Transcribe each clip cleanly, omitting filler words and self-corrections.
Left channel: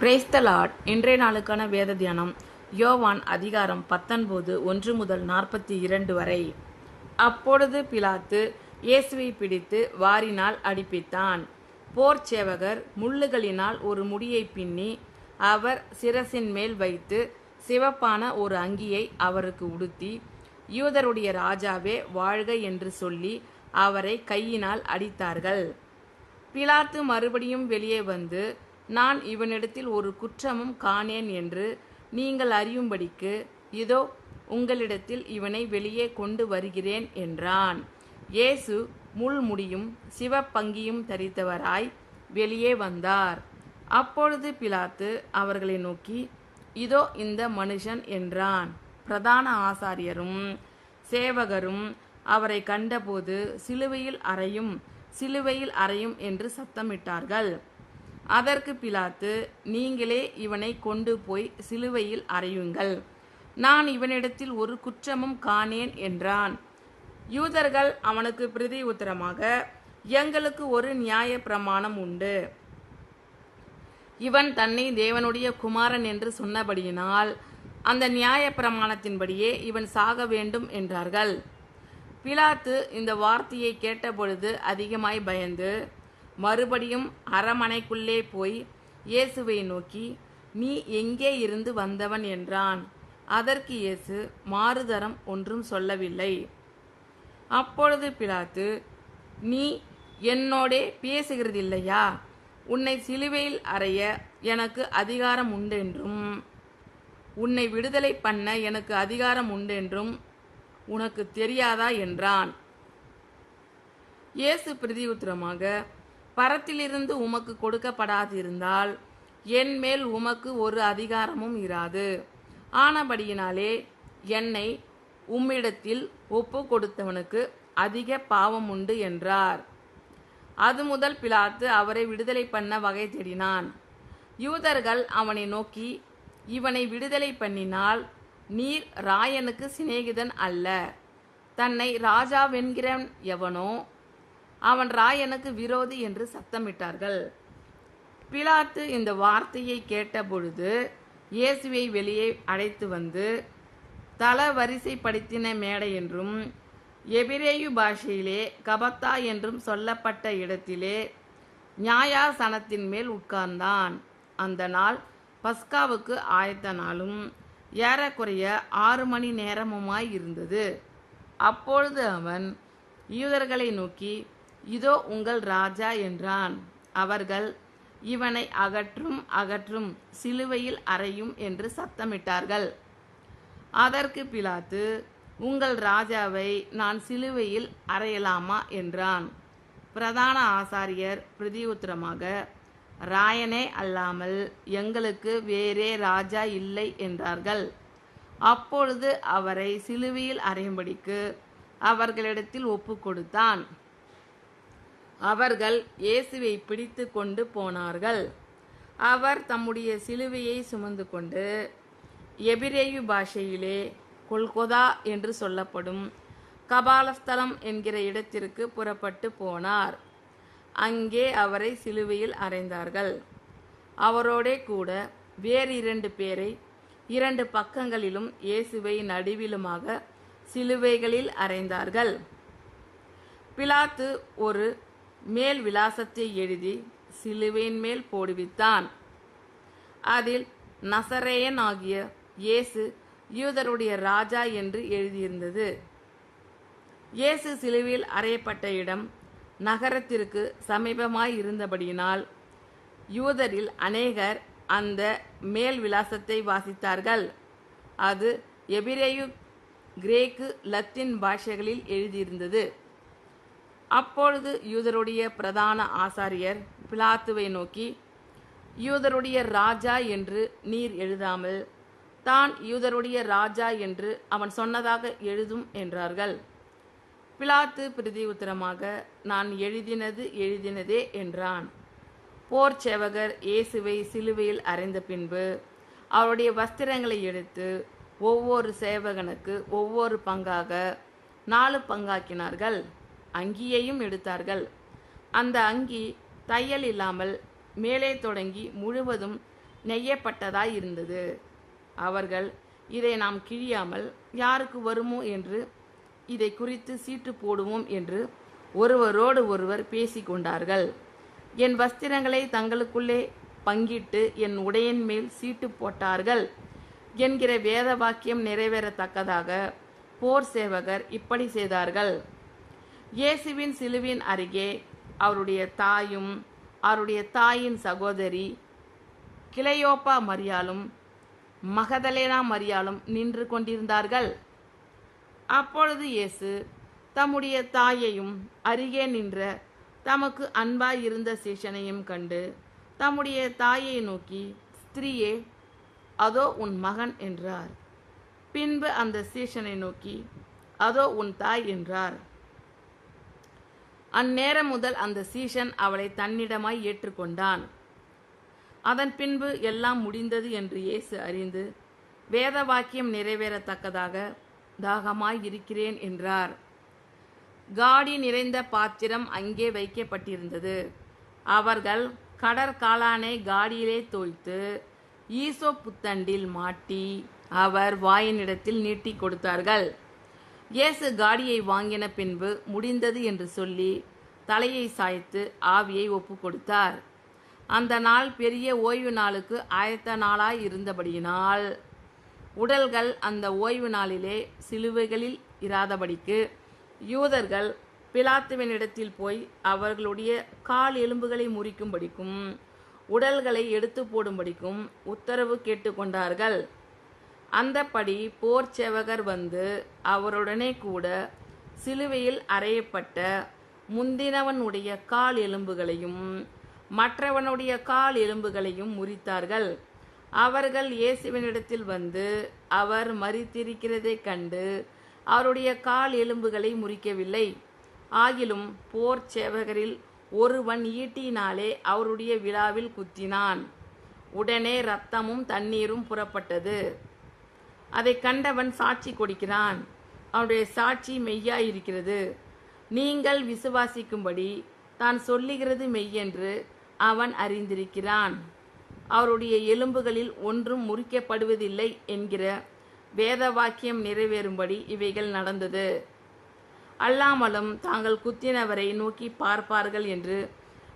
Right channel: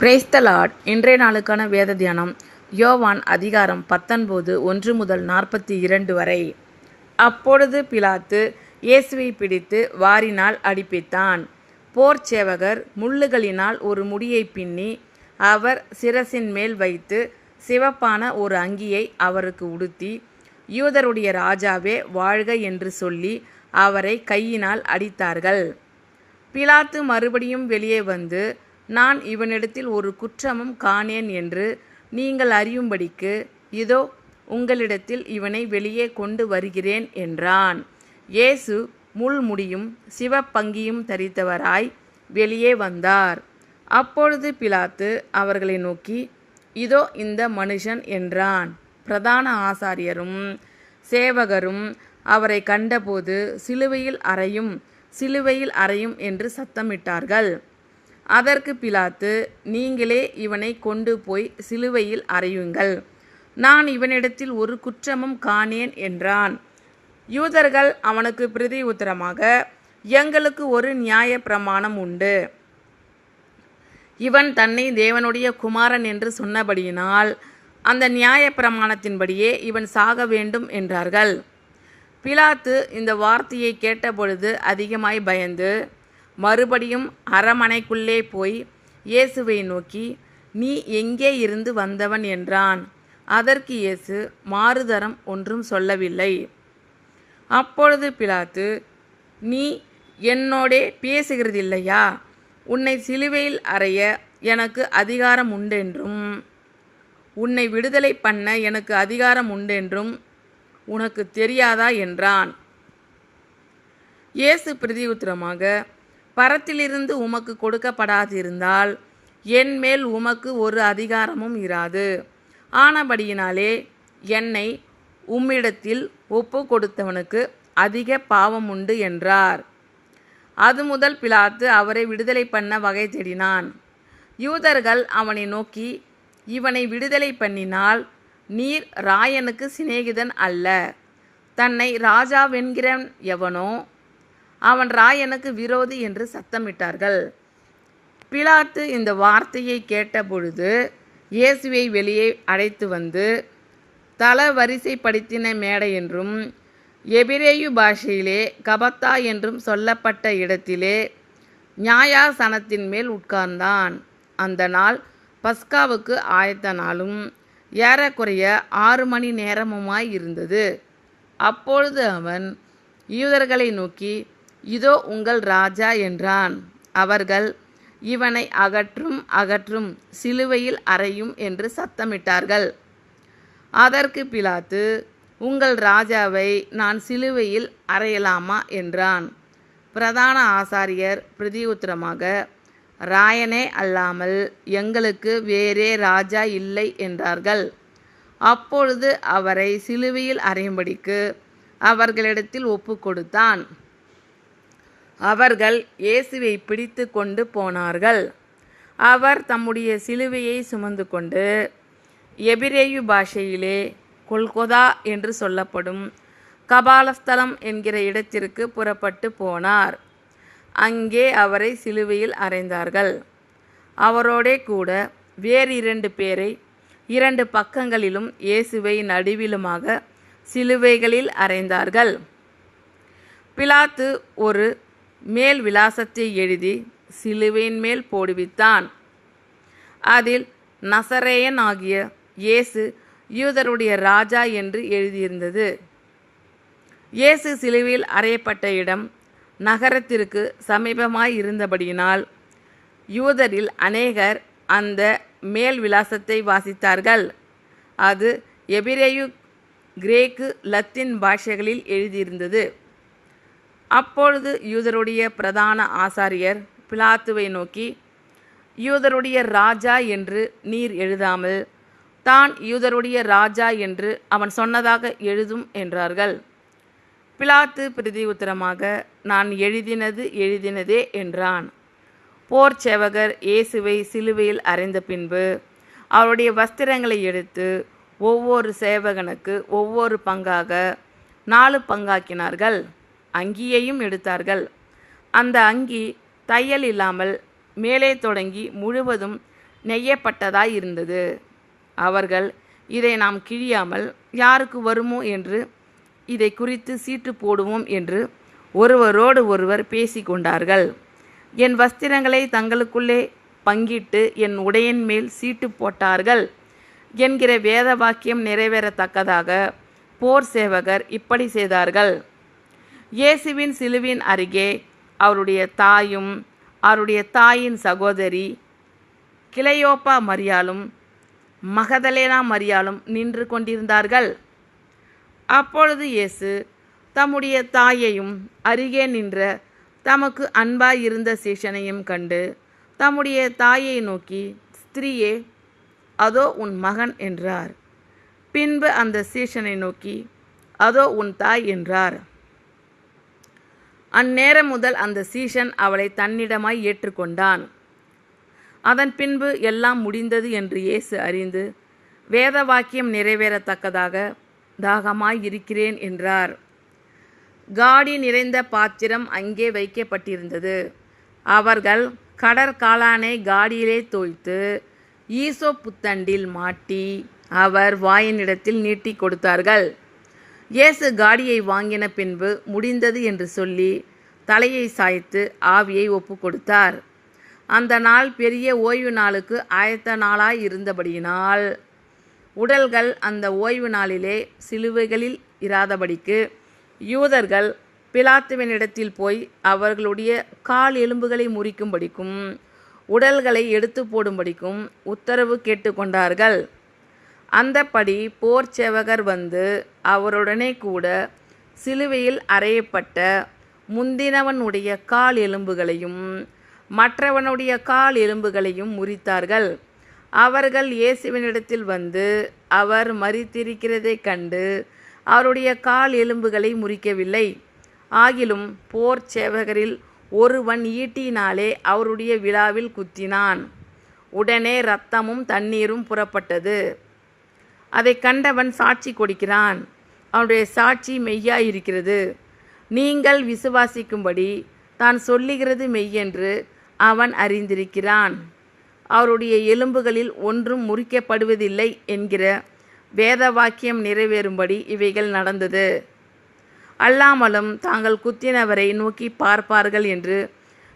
Praise the Lord. இன்றைய நாளுக்கான வேத தியானம் யோவான் அதிகாரம் 19 1 முதல் 42 வரை. அப்பொழுது பிலாத்து இயேசுவை பிடித்து வாரினால் அடிப்பித்தான். போர் சேவகர் முள்ளுகளினால் ஒரு முடியை பின்னி அவர் சிரசின் மேல் வைத்து சிவப்பான ஒரு அங்கியை அவருக்கு உடுத்தி, யூதருடைய ராஜாவே வாழ்க என்று சொல்லி அவரை கையினால் அடித்தார்கள். பிலாத்து மறுபடியும் வெளியே வந்து, நான் இவனிடத்தில் ஒரு குற்றமும் காணேன் என்று நீங்கள் அறியும்படிக்கு இதோ உங்களிடத்தில் இவனை வெளியே கொண்டு வருகிறேன் என்றான். இயேசு முள்முடியும் சிவப்பங்கியும் தரித்தவராய் வெளியே வந்தார். அப்பொழுது பிலாத்து அவர்களை நோக்கி, இதோ இந்த மனுஷன் என்றான். பிரதான ஆசாரியரும் சேவகரும் அவரை கண்டபோது சிலுவையில் அறையும், சிலுவையில் அறையும் என்று சத்தமிட்டார்கள். அதற்கு பிலாத்து, நீங்களே இவனை கொண்டு போய் சிலுவையில் அறையுங்கள், நான் இவனிடத்தில் ஒரு குற்றமும் காணேன் என்றான். யூதர்கள் அவனுக்கு பிரதி உத்தரமாக, எங்களுக்கு ஒரு நியாய பிரமாணம் உண்டு, இவன் தன்னை தேவனுடைய குமாரன் என்று சொன்னபடியினால் அந்த நியாய பிரமாணத்தின்படியே இவன் சாக வேண்டும் என்றார்கள். பிலாத்து இந்த வார்த்தையை கேட்டபொழுது அதிகமாய் பயந்து மறுபடியும் அரமனைக்குள்ளே போய் இயேசுவை நோக்கி, நீ எங்கே இருந்து வந்தவன் என்றான். அதற்கு இயேசு மாறுதரம் ஒன்றும் சொல்லவில்லை. அப்பொழுது பிலாத்து, நீ என்னோடே பேசுகிறதில்லையா? உன்னை சிலுவையில் அறைய எனக்கு அதிகாரம் உண்டென்றும் உன்னை விடுதலை பண்ண எனக்கு அதிகாரம் உண்டென்றும் உனக்கு தெரியாதா என்றான். இயேசு பிரதியுத்தரமாக, பரத்திலிருந்து உமக்கு கொடுக்கப்படாதிருந்தால் என் மேல் உமக்கு ஒரு அதிகாரமும் இராது. ஆனபடியினாலே என்னை உம்மிடத்தில் ஒப்பு கொடுத்தவனுக்கு அதிக பாவம் உண்டு என்றார். அது முதல் பிலாத்து அவரை விடுதலை பண்ண வகை தேடினான். யூதர்கள் அவனை நோக்கி, இவனை விடுதலை பண்ணினால் நீர் ராயனுக்கு சிநேகிதன் அல்ல, தன்னை ராஜாவென்கிறவன் எவனோ அவன் ராயனுக்கு விரோதி என்று சத்தமிட்டார்கள். பிலாத்து இந்த வார்த்தையை கேட்டபொழுது இயேசுவை வெளியே அழைத்து வந்து தளவரிசைப்படுத்தின மேடை என்றும் எபிரேயு பாஷையிலே கபத்தா என்றும் சொல்லப்பட்ட இடத்திலே நியாயாசனத்தின் மேல் உட்கார்ந்தான். அந்த நாள் பஸ்காவுக்கு ஆயத்த நாளும் ஏறக்குறைய 6 மணி நேரமுமாய் இருந்தது. அப்பொழுது அவன் யூதர்களை நோக்கி, இதோ உங்கள் ராஜா என்றான். அவர்கள், இவனை அகற்றும் அகற்றும், சிலுவையில் அறையும் என்று சத்தமிட்டார்கள். அதற்கு பிலாத்து, உங்கள் ராஜாவை நான் சிலுவையில் அறையலாமா என்றான். பிரதான ஆசாரியர் பிரதியுத்தரமாக, ராயனே அல்லாமல் எங்களுக்கு வேறே ராஜா இல்லை என்றார்கள். அப்பொழுது அவரை சிலுவையில் அறையும்படிக்கு அவர்களிடத்தில் ஒப்பு கொடுத்தான். அவர்கள் இயேசுவை பிடித்து கொண்டு போனார்கள். அவர் தம்முடைய சிலுவையை சுமந்து கொண்டு எபிரேயு பாஷையிலே கொல்கொதா என்று சொல்லப்படும் கபாலஸ்தலம் என்கிற இடத்திற்கு புறப்பட்டு போனார். அங்கே அவரை சிலுவையில் அறைந்தார்கள். அவரோடே கூட வேறு 2 பேரை 2 பக்கங்களிலும் இயேசுவை நடுவிலுமாக சிலுவைகளில் அறைந்தார்கள். பிலாத்து ஒரு மேல் விலாசத்தை எழுதி சிலுவையின் மேல் போடுவித்தான். அதில் நசரேயன் ஆகிய இயேசு யூதருடைய ராஜா என்று எழுதியிருந்தது. இயேசு சிலுவையில் அறையப்பட்ட இடம் நகரத்திற்கு சமீபமாய் இருந்தபடியினால் யூதரில் அநேகர் அந்த மேல் விலாசத்தை வாசித்தார்கள். அது எபிரேயு, கிரேக்கு, லத்தீன் பாஷைகளில் எழுதியிருந்தது. அப்பொழுது யூதருடைய பிரதான ஆசாரியர் பிலாத்துவை நோக்கி, யூதருடைய ராஜா என்று நீர் எழுதாமல் தான் யூதருடைய ராஜா என்று அவன் சொன்னதாக எழுதும் என்றார்கள். பிலாத்து பிரதி உத்தரமாக, நான் எழுதினதே என்றான். போர் சேவகர் இயேசுவை சிலுவையில் அறைந்த பின்பு அவருடைய வஸ்திரங்களை எடுத்து ஒவ்வொரு சேவகனுக்கு ஒவ்வொரு பங்காக 4 பங்காக்கினார்கள். அங்கியையும் எடுத்தார்கள். அந்த அங்கி தையல் இல்லாமல் மேலே தொடங்கி முழுவதும் நெய்யப்பட்டதாய் இருந்தது. அவர்கள், இதை நாம் கிழியாமல் யாருக்கு வருமோ என்று இதை குறித்து சீட்டு போடுவோம் என்று ஒருவரோடு ஒருவர் பேசிக்கொண்டார்கள். என் வஸ்திரங்களை தங்களுக்குள்ளே பங்கிட்டு என் உடையின் மேல் சீட்டு போட்டார்கள் என்கிற வேத வாக்கியம் நிறைவேறத்தக்கதாக போர் சேவகர் இப்படி செய்தார்கள். இயேசுவின் சிலுவின் அருகே அவருடைய தாயும் அவருடைய தாயின் சகோதரி கிளையோப்பா மரியாளும் மகதலேனா மரியாளும் நின்று கொண்டிருந்தார்கள். அப்பொழுது இயேசு தம்முடைய தாயையும் அருகே நின்ற தமக்கு அன்பாயிருந்த சீஷனையும் கண்டு தம்முடைய தாயை நோக்கி, ஸ்திரீயே, அதோ உன் மகன் என்றார். பின்பு அந்த சீஷனை நோக்கி, அதோ உன் தாய் என்றார். அந்நேரம் முதல் அந்த சீஷன் அவளை தன்னிடமாய் ஏற்றுக்கொண்டான். அதன் பின்பு எல்லாம் முடிந்தது என்று இயேசு அறிந்து, வேத வாக்கியம் நிறைவேறத்தக்கதாக தாகமாய் இருக்கிறேன் என்றார். காடி நிறைந்த பாத்திரம் அங்கே வைக்கப்பட்டிருந்தது. அவர்கள் கடற்காளானை காடியிலே தோய்த்து ஈசோப் புத்தண்டில் மாட்டி அவர் வாயினிடத்தில் நீட்டி கொடுத்தார்கள். இயேசு காடியை வாங்கின பின்பு முடிந்தது என்று சொல்லி தலையை சாய்த்து ஆவியை ஒப்பு கொடுத்தார். அந்த நாள் பெரிய ஓய்வு நாளுக்கு ஆயத்த நாளாய் இருந்தபடியினால் உடல்கள் அந்த ஓய்வு நாளிலே சிலுவைகளில் இராதபடிக்கு யூதர்கள் பிலாத்துவினிடத்தில் போய் அவர்களுடைய கால் எலும்புகளை முறிக்கும்படிக்கும் உடல்களை எடுத்து போடும்படிக்கும் உத்தரவு கேட்டுக்கொண்டார்கள். அந்தப்படி போர் சேவகர் வந்து அவருடனே கூட சிலுவையில் அறையப்பட்ட முந்தினவனுடைய கால் எலும்புகளையும் மற்றவனுடைய கால் எலும்புகளையும் முறித்தார்கள். அவர்கள் இயேசுவினிடத்தில் வந்து அவர் மரித்திருக்கிறதைக் கண்டு அவருடைய கால் எலும்புகளை முறிக்கவில்லை. ஆகிலும் போர் சேவகரில் ஒருவன் ஈட்டியினாலே அவருடைய விலாவில் குத்தினான். உடனே இரத்தமும் தண்ணீரும் புறப்பட்டது. அதை கண்டவன் சாட்சி கொடுக்கிறான். அவனுடைய சாட்சி மெய்யாயிருக்கிறது. நீங்கள் விசுவாசிக்கும்படி தான் சொல்லுகிறது மெய்யென்று அவன் அறிந்திருக்கிறான். அவருடைய எலும்புகளில் ஒன்றும் முறிக்கப்படுவதில்லை என்கிற வேத வாக்கியம் நிறைவேறும்படி இவைகள் நடந்தது. அல்லாமலும் தாங்கள் குத்தினவரை நோக்கி பார்ப்பார்கள் என்று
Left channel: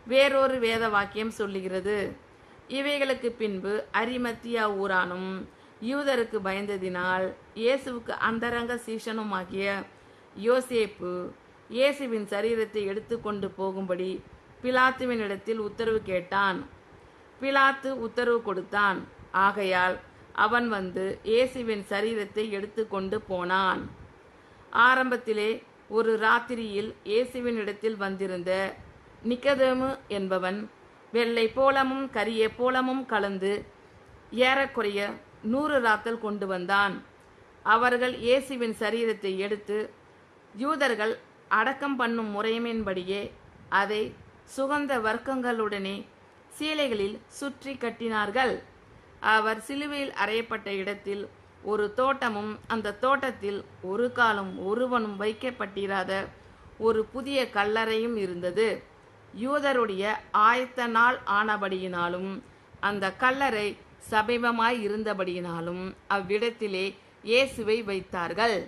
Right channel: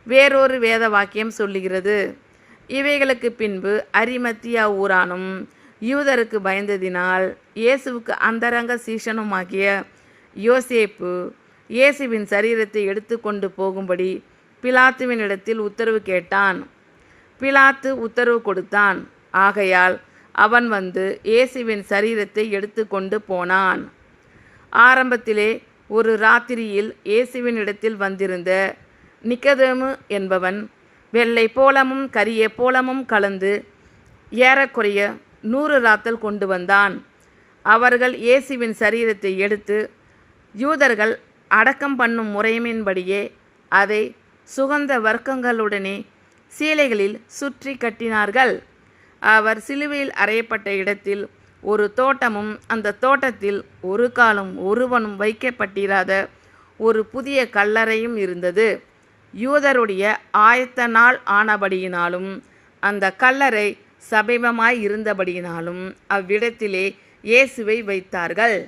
வேறொரு வேத வாக்கியம் சொல்லுகிறது. இவைகளுக்கு பின்பு அரிமத்தியா ஊரானும் யூதருக்கு பயந்ததினால் இயேசுவுக்கு அந்தரங்க சீஷனுமாகிய யோசேப்பு இயேசுவின் சரீரத்தை எடுத்து கொண்டு போகும்படி பிலாத்துவினிடத்தில் உத்தரவு கேட்டான். பிலாத்து உத்தரவு கொடுத்தான். ஆகையால் அவன் வந்து இயேசுவின் சரீரத்தை எடுத்து கொண்டு போனான். ஆரம்பத்திலே ஒரு ராத்திரியில் இயேசுவின் இடத்தில் வந்திருந்த நிக்கதேமு என்பவன் வெள்ளை போலமும் கரிய போலமும் கலந்து ஏறக்குறைய 100 ராத்தல் கொண்டு வந்தான். அவர்கள் இயேசுவின் சரீரத்தை எடுத்து யூதர்கள் அடக்கம் பண்ணும் முறைமையின்படியே அதை சுகந்த வர்க்கங்களுடனே சீலைகளில் சுற்றி கட்டினார்கள். அவர் சிலுவையில் அறையப்பட்ட இடத்தில் ஒரு தோட்டமும் அந்த தோட்டத்தில் ஒரு காலும் ஒருவனும் வைக்கப்பட்டிராத ஒரு புதிய கல்லறையும் இருந்தது. யூதருடைய ஆயத்த நாள் ஆனபடியினாலும் அந்த கல்லறை சமீபமாய் இருந்தபடியினாலும் அவ்விடத்திலே இயேசுவை வைத்தார்கள்.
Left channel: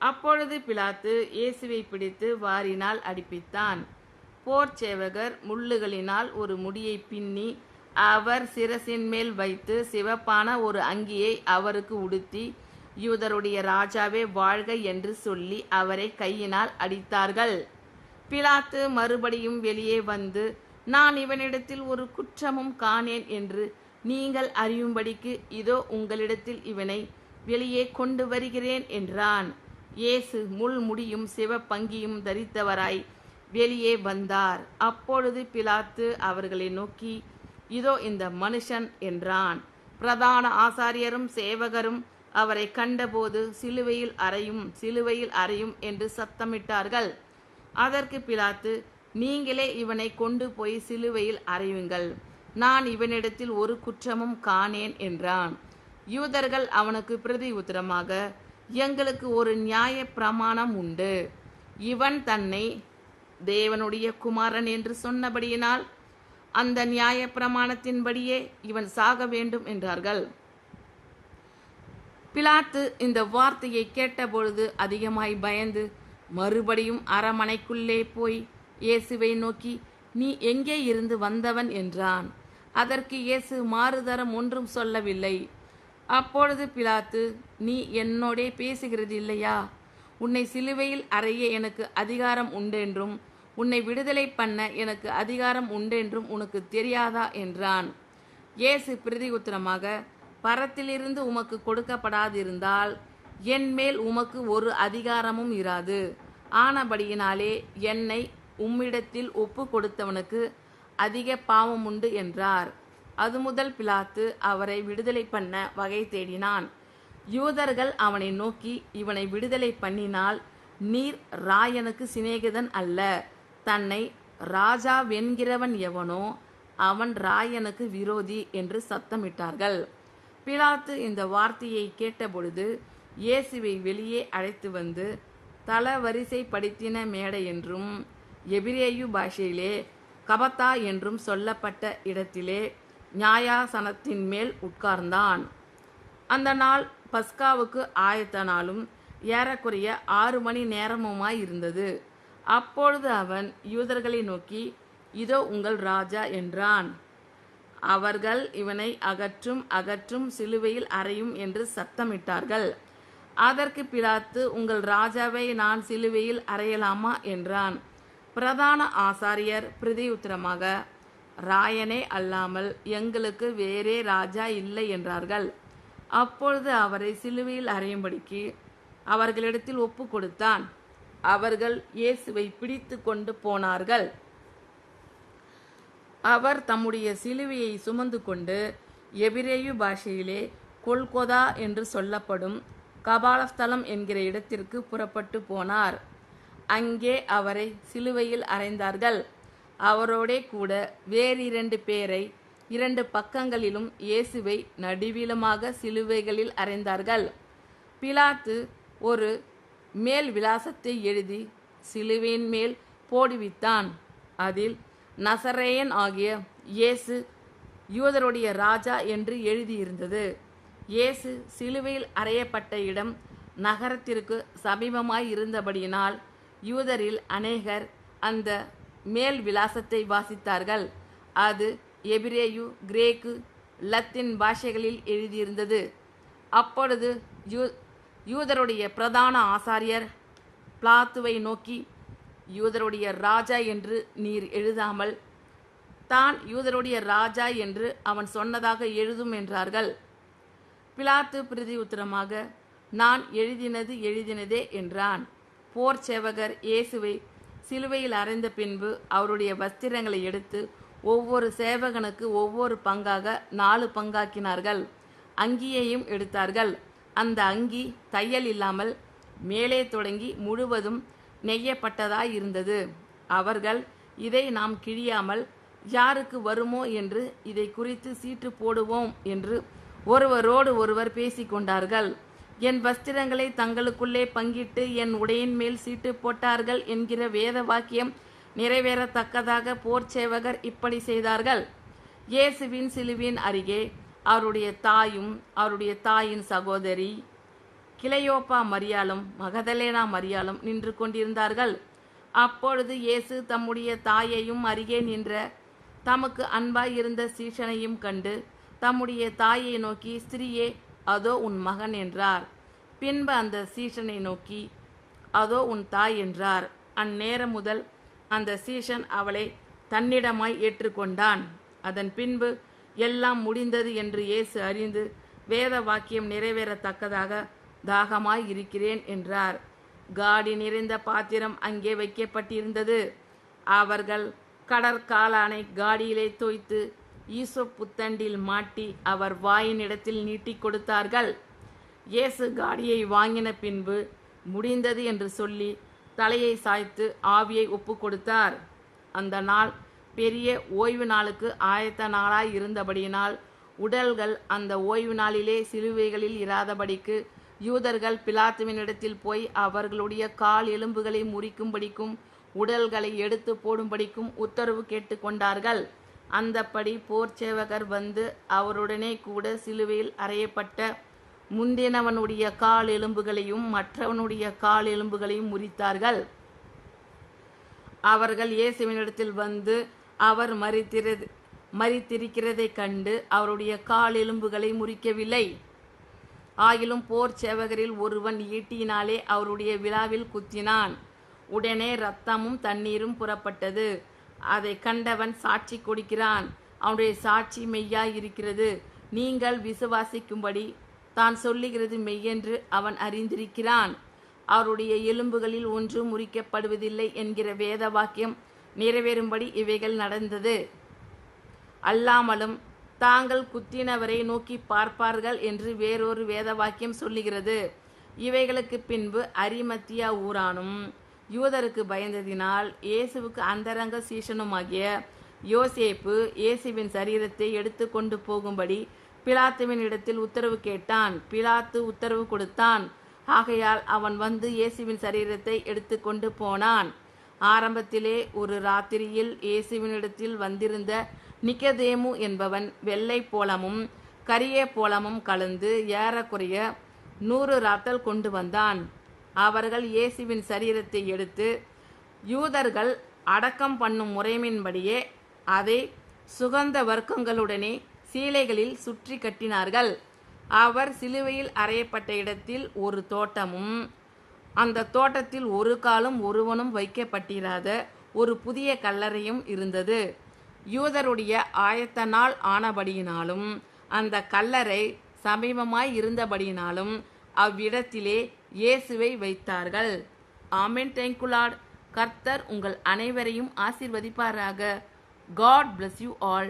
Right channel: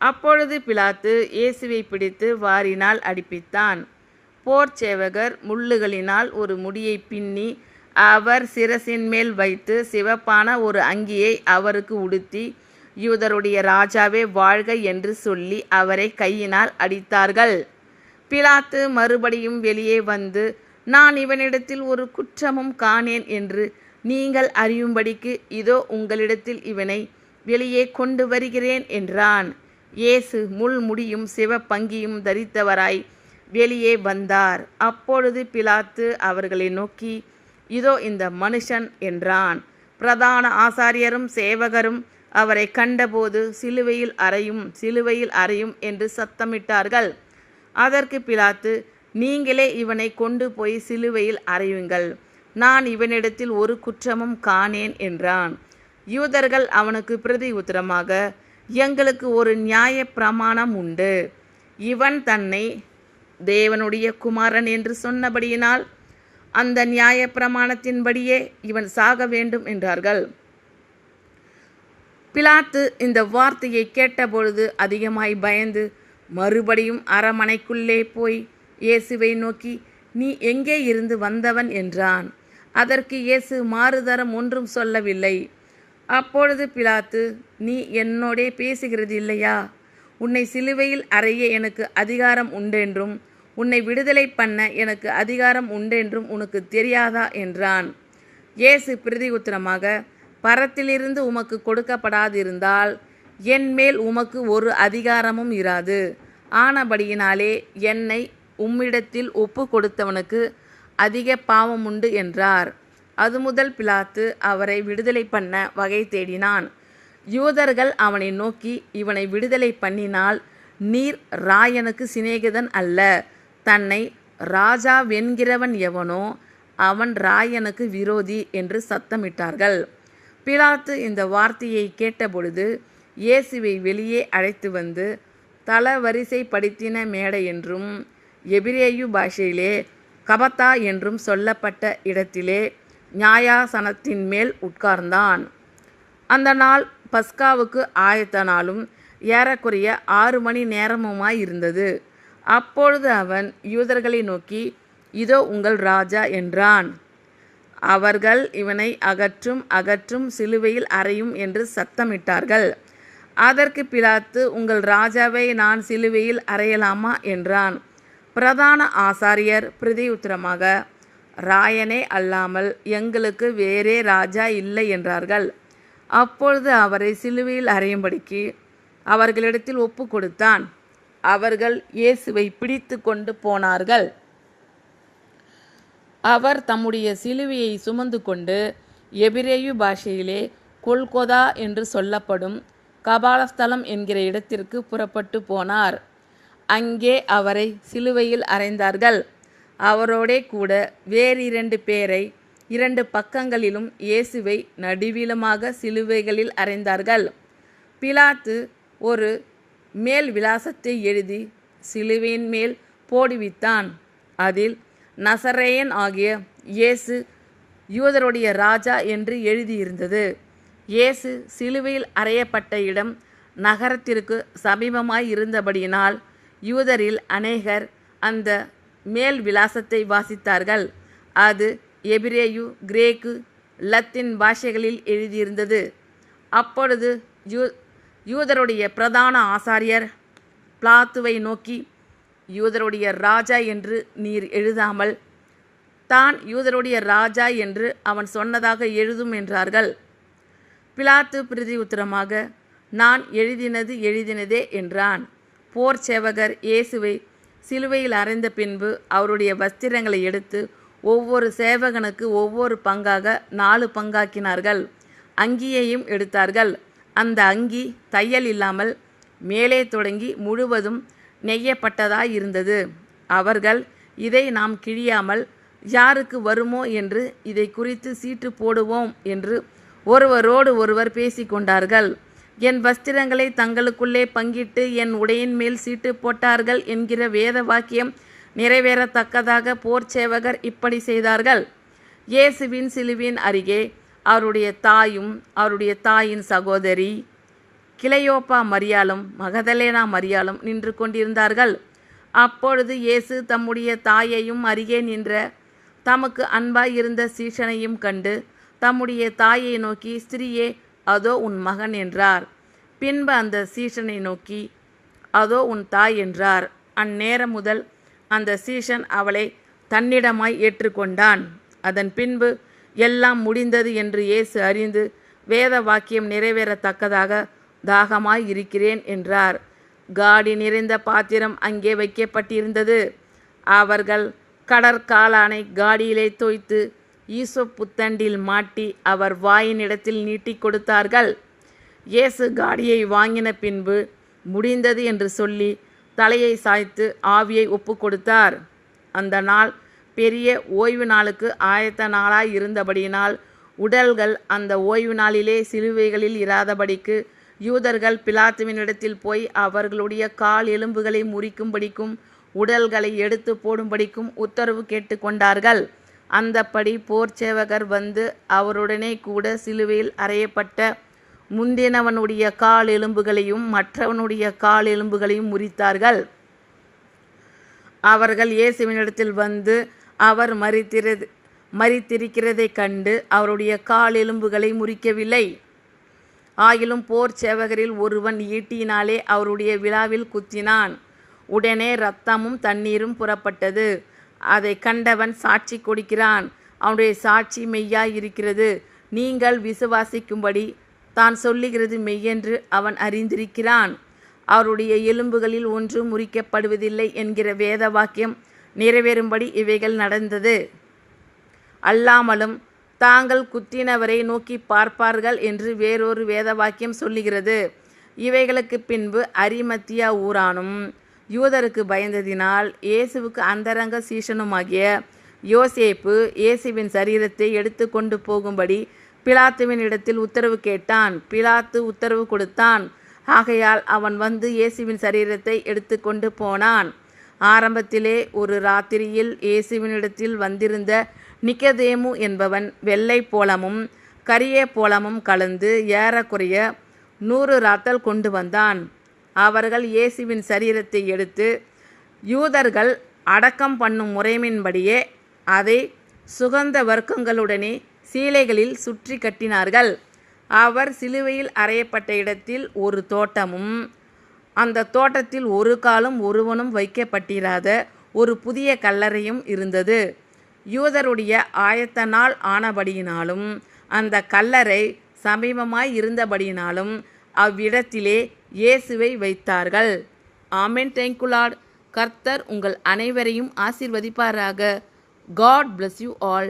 அப்பொழுது பிலாத்து இயேசுவை பிடித்து வாரினால் அடிப்பித்தான். போர் சேவகர் முள்ளுகளினால் ஒரு முடியை பின்னி அவர் சிரசின் மேல் வைத்து சிவப்பான ஒரு அங்கியை அவருக்கு உடுத்தி, யூதருடைய ராஜாவே வாழ்க என்று சொல்லி அவரை கையினால் அடித்தார்கள். பிலாத்து மறுபடியும் வெளியே வந்து, நான் இவனிடத்தில் ஒரு குற்றமும் காணேன் என்று நீங்கள் அறியும்படிக்கு இதோ உங்களிடத்தில் இவனை வெளியே கொண்டு வருகிறேன் என்றான். இயேசு முள்முடியும் சிவப்பங்கியும் தரித்தவராய் வெளியே வந்தார். அப்பொழுது பிலாத்து அவர்களை நோக்கி, இதோ இந்த மனுஷன் என்றான். பிரதான ஆசாரியரும் சேவகரும் அவரை கண்டபோது சிலுவையில் அறையும், சிலுவையில் அறையும் என்று சத்தமிட்டார்கள். அதற்கு பிலாத்து, நீங்களே இவனை கொண்டு போய் சிலுவையில் அறையுங்கள், நான் இவனிடத்தில் ஒரு குற்றமும் காணேன் என்றான். யூதர்கள் அவனுக்கு பிரதி உத்தரமாக, எங்களுக்கு ஒரு நியாய பிரமாணம் உண்டு. இவன் தன்னை தேவனுடைய குமாரன் என்று சொன்னபடியினால் அந்த நியாயப்பிரமாணத்தின்படியே இவன் சாக வேண்டும் என்றார்கள். பிலாத்து இந்த வார்த்தையை கேட்டபொழுது அதிகமாய் பயந்து மறுபடியும் அரமனைக்குள்ளே போய் இயேசுவை நோக்கி, நீ எங்கே இருந்து வந்தவன் என்றான். அதற்கு இயேசு மாறுதரம் ஒன்றும் சொல்லவில்லை. அப்பொழுது பிலாத்து, நீ என்னோடே பேசுகிறது இல்லையா? உன்னை சிலுவையில் அறைய எனக்கு அதிகாரம் உண்டென்றும் உன்னை விடுதலை பண்ண எனக்கு அதிகாரம் உண்டென்றும் உனக்கு தெரியாதா என்றான். இயேசு பிரதியுத்தரமாக, பரத்திலிருந்து உமக்கு கொடுக்கப்படாதிருந்தால் என் மேல் உமக்கு ஒரு அதிகாரமும் இராது. ஆனபடியினாலே என்னை உம்மிடத்தில் ஒப்பு கொடுத்தவனுக்கு அதிக பாவம் உண்டு என்றார். அது முதல் பிலாத்து அவரை விடுதலை பண்ண வகை தேடினான். யூதர்கள் அவனை நோக்கி, இவனை விடுதலை பண்ணினால் நீர் ராயனுக்கு சிநேகிதன் அல்ல, தன்னை ராஜாவென்கிறவன் எவனோ அவன் ராயனுக்கு விரோதி என்று சத்தமிட்டார்கள். பிலாத்து இந்த வார்த்தையை கேட்டபொழுது இயேசுவை வெளியே அழைத்து வந்து தளவரிசைப்படுத்தின மேடை என்றும் எபிரேயு பாஷையிலே கபத்தா என்றும் சொல்லப்பட்ட இடத்திலே நியாயாசனத்தின் மேல் உட்கார்ந்தான். அந்த நாள் பஸ்காவுக்கு ஆயத்த நாளும் ஏறக்குறைய 6 மணி நேரமுமாயிருந்தது. அப்பொழுது அவன் யூதர்களை நோக்கி, இதோ உங்கள் ராஜா என்றான். அவர்கள், இவனை அகற்றும் அகற்றும், சிலுவையில் அறையும் என்று சத்தமிட்டார்கள். அதற்கு பிலாத்து, உங்கள் ராஜாவை நான் சிலுவையில் அறையலாமா என்றான். பிரதான ஆசாரியர் பிரதியுத்தரமாக, ராயனே அல்லாமல் எங்களுக்கு வேறே ராஜா இல்லை என்றார்கள். அப்பொழுது அவரை சிலுவையில் அறையும்படிக்கு அவர்களிடத்தில் ஒப்பு கொடுத்தான். அவர்கள் இயேசுவை பிடித்து கொண்டு போனார்கள். அவர் தம்முடைய சிலுவையை சுமந்து கொண்டு எபிரேயு பாஷையிலே கொல்கொதா என்று சொல்லப்படும் கபாலஸ்தலம் என்கிற இடத்திற்கு புறப்பட்டு போனார். அங்கே அவரை சிலுவையில் அறைந்தார்கள். அவரோடே கூட வேறு 2 பேரை 2 பக்கங்களிலும் இயேசுவை நடுவிலுமாக சிலுவைகளில் அறைந்தார்கள். பிலாத்து ஒரு மேல் விலாசத்தை எழுதி சிலுவையின் மேல் போடுவித்தான். அதில் நசரேயன் ஆகிய இயேசு யூதருடைய ராஜா என்று எழுதியிருந்தது. இயேசு சிலுவையில் அறையப்பட்ட இடம் நகரத்திற்கு சமீபமாய் இருந்தபடியினால் யூதரில் அநேகர் அந்த மேல் விலாசத்தை வாசித்தார்கள். அது எபிரேயு, கிரேக்கு, லத்தீன் பாஷைகளில் எழுதியிருந்தது. அப்பொழுது யூதருடைய பிரதான ஆசாரியர் பிலாத்துவை நோக்கி, யூதருடைய ராஜா என்று நீர் எழுதாமல் தான் யூதருடைய ராஜா என்று அவன் சொன்னதாக எழுதும் என்றார்கள். பிலாத்து பிரதியுத்தரமாக, நான் எழுதினதே என்றான். போர் சேவகர் இயேசுவை சிலுவையில் அறைந்த பின்பு அவருடைய வஸ்திரங்களை எடுத்து ஒவ்வொரு சேவகனுக்கு ஒவ்வொரு பங்காக 4 பங்காக்கினார்கள். அங்கியையும் எடுத்தார்கள். அந்த அங்கி தையல் இல்லாமல் மேலே தொடங்கி முழுவதும் நெய்யப்பட்டதாயிருந்தது. அவர்கள், இதை நாம் கிழியாமல் யாருக்கு வருமோ என்று இதை குறித்து சீட்டு போடுவோம் என்று ஒருவரோடு ஒருவர் பேசிக்கொண்டார்கள். என் வஸ்திரங்களை தங்களுக்குள்ளே பங்கிட்டு என் உடையின் மேல் சீட்டு போட்டார்கள் என்கிற வேத வாக்கியம் நிறைவேறத்தக்கதாக போர் சேவகர் இப்படி செய்தார்கள். இயேசுவின் சிலுவின் அருகே அவருடைய தாயும் அவருடைய தாயின் சகோதரி கிளையோப்பா மரியாளும் மகதலேனா மரியாளும் நின்று கொண்டிருந்தார்கள். அப்பொழுது இயேசு தம்முடைய தாயையும் அருகே நின்ற தமக்கு அன்பாய் இருந்த சீஷனையும் கண்டு தம்முடைய தாயை நோக்கி, ஸ்திரியே, அதோ உன் மகன் என்றார். பின்பு அந்த சீஷனை நோக்கி, அதோ உன் தாய் என்றார். அந்நேரம் முதல் அந்த சீஷன் அவளை தன்னிடமாய் ஏற்றுக்கொண்டான். அதன் பின்பு எல்லாம் முடிந்தது என்று இயேசு அறிந்து வேத வாக்கியம் நிறைவேறத்தக்கதாக தாகமாய் இருக்கிறேன் என்றார். காடி நிறைந்த பாத்திரம் அங்கே வைக்கப்பட்டிருந்தது. அவர்கள் கடற்காளானை காடியிலே தோய்த்து ஈசோப் புத்தண்டில் மாட்டி அவர் வாயின் இடத்தில் நீட்டி கொடுத்தார்கள். இயேசு காடியை வாங்கின பின்பு முடிந்தது என்று சொல்லி தலையை சாய்த்து ஆவியை ஒப்பு கொடுத்தார். அந்த நாள் பெரிய ஓய்வு நாளுக்கு ஆயத்த நாளாய் இருந்தபடியினால் உடல்கள் அந்த ஓய்வு நாளிலே சிலுவைகளில் இராதபடிக்கு யூதர்கள் பிலாத்துவினிடத்தில் போய் அவர்களுடைய கால் எலும்புகளை முறிக்கும்படிக்கும் உடல்களை எடுத்து போடும்படிக்கும் உத்தரவு கேட்டுக்கொண்டார்கள். அந்தப்படி போர்ச்சேவகர் வந்து அவருடனே கூட சிலுவையில் அறையப்பட்ட முந்தினவனுடைய கால் எலும்புகளையும் மற்றவனுடைய கால் எலும்புகளையும் முறித்தார்கள். அவர்கள் இயேசுவினிடத்தில் வந்து அவர் மரித்திருக்கிறதைக் கண்டு அவருடைய கால் எலும்புகளை முறிக்கவில்லை. ஆயிலும் போர் சேவகரில் ஒருவன் ஈட்டியினாலே அவருடைய விலாவில் குத்தினான். உடனே இரத்தமும் தண்ணீரும் புறப்பட்டது. அதை கண்டவன் சாட்சி கொடுக்கிறான். அவனுடைய சாட்சி மெய்யாய் இருக்கிறது. நீங்கள் விசுவாசிக்கும்படி தான் சொல்லுகிறது மெய்யென்று அவன் அறிந்திருக்கிறான். அவருடைய எலும்புகளில் ஒன்றும் முறிக்கப்படுவதில்லை என்கிற வேத வாக்கியம் நிறைவேறும்படி இவைகள் நடந்தது. அல்லாமலும் தாங்கள் குத்தினவரை நோக்கி பார்ப்பார்கள் என்று வேறொரு வேத வாக்கியம் சொல்லுகிறது. இவைகளுக்கு பின்பு அரிமத்தியா ஊரானும் யூதருக்கு பயந்ததினால் இயேசுவுக்கு அந்தரங்க சீஷனுமாகிய யோசேப்பு இயேசுவின் சரீரத்தை எடுத்து கொண்டு போகும்படி பிலாத்துவின் இடத்தில் உத்தரவு கேட்டான். பிலாத்து உத்தரவு கொடுத்தான். ஆகையால் அவன் வந்து இயேசுவின் சரீரத்தை எடுத்து கொண்டு போனான். ஆரம்பத்திலே ஒரு ராத்திரியில் இயேசுவினிடத்தில் வந்திருந்த நிக்கதேமு என்பவன் வெள்ளை போலமும் கரிய போலமும் கலந்து ஏறக்குறைய 100 ராத்தல் கொண்டு வந்தான். அவர்கள் இயேசுவின் சரீரத்தை எடுத்து யூதர்கள் அடக்கம் பண்ணும் முறைமையின்படியே அதை சுகந்த வர்க்கங்களுடனே சீலைகளில் சுற்றி கட்டினார்கள். அவர் சிலுவையில் அறையப்பட்ட இடத்தில் ஒரு தோட்டமும் அந்த தோட்டத்தில் ஒரு காலும் ஒருவனும் வைக்கப்பட்டிராத ஒரு புதிய கல்லறையும் இருந்தது. யூதருடைய ஆயத்த நாள் ஆனபடியினாலும் அந்த கல்லறை சமீபமாய் இருந்தபடியினாலும் அவ்விடத்திலே இயேசுவை வைத்தார்கள். ஆமென். Thank you Lord. கர்த்தர் உங்கள் அனைவரையும் ஆசீர்வதிப்பாராக. God bless you all.